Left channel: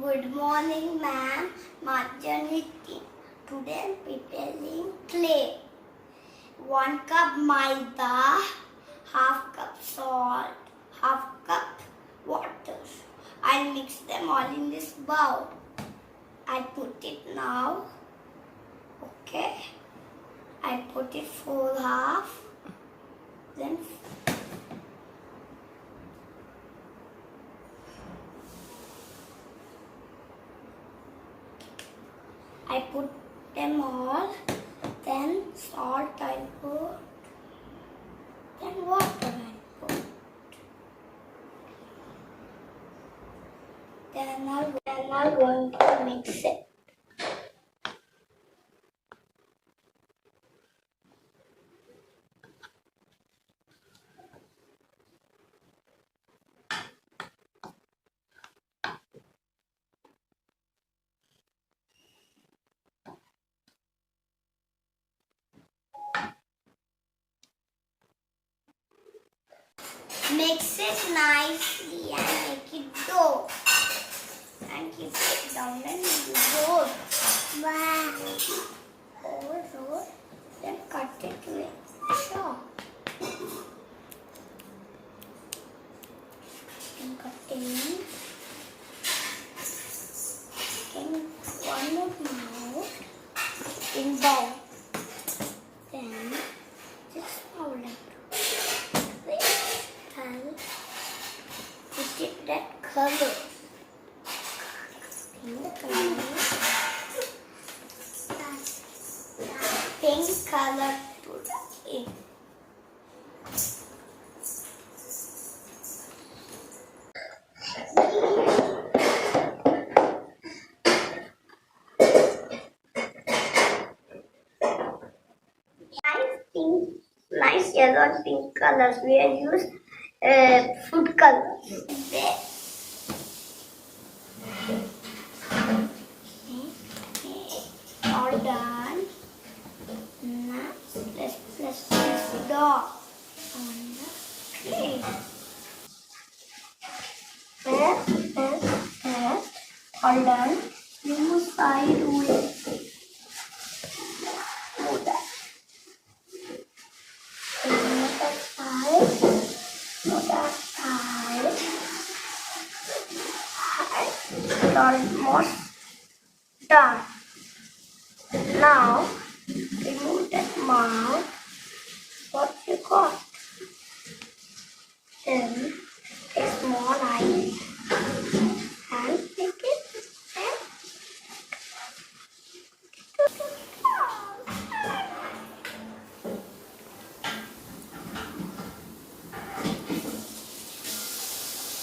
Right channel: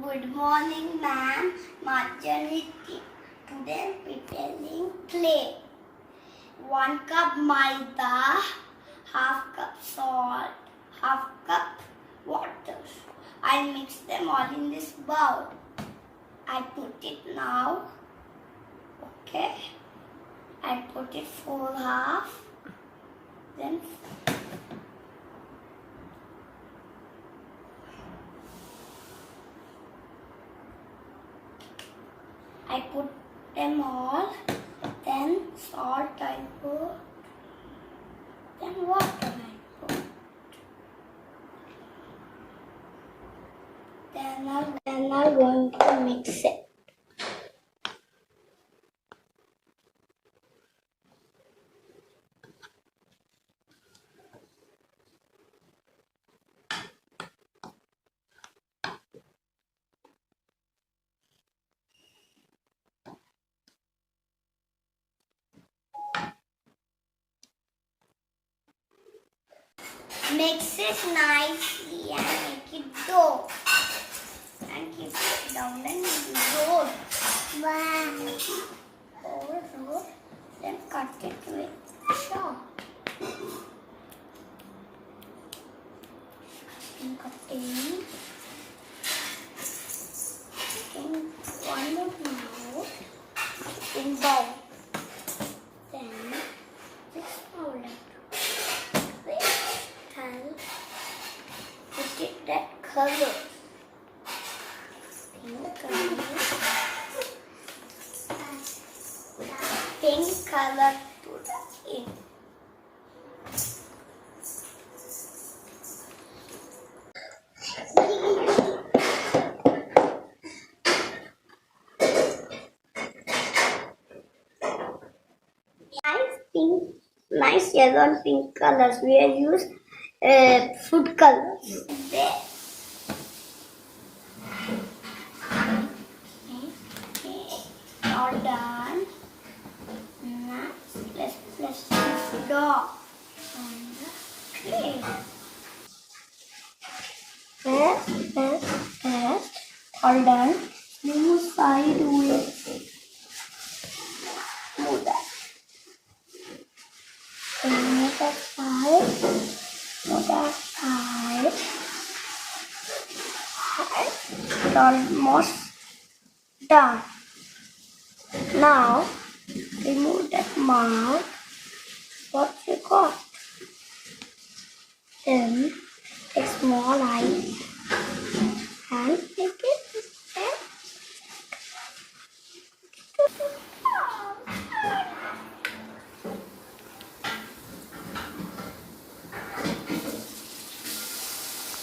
Good morning, ma'am. Marjani, today preparing clay. 1 cup maida, half cup salt, half cup water. I mix them all in this bowl. I put it now. Okay. I put it full half. Then I put them all, then salt I put, then water I put. Then I'm going to mix it. Mix it nicely and make it dough. And keep it down and roll. Wow. Roll. Then cut it with chalk. And cutting. Taking one more now. In bowl. Then just roll it. Put it that color. Pink color to the ink. Nice yellow and pink colors. We have used food colors. All done. Now let's place this dough on the plate. So all done. Move side to it. Move that. Another side. Move that side. It's almost done. Now, remove that mouth. What you got? Then, a small eye and make it.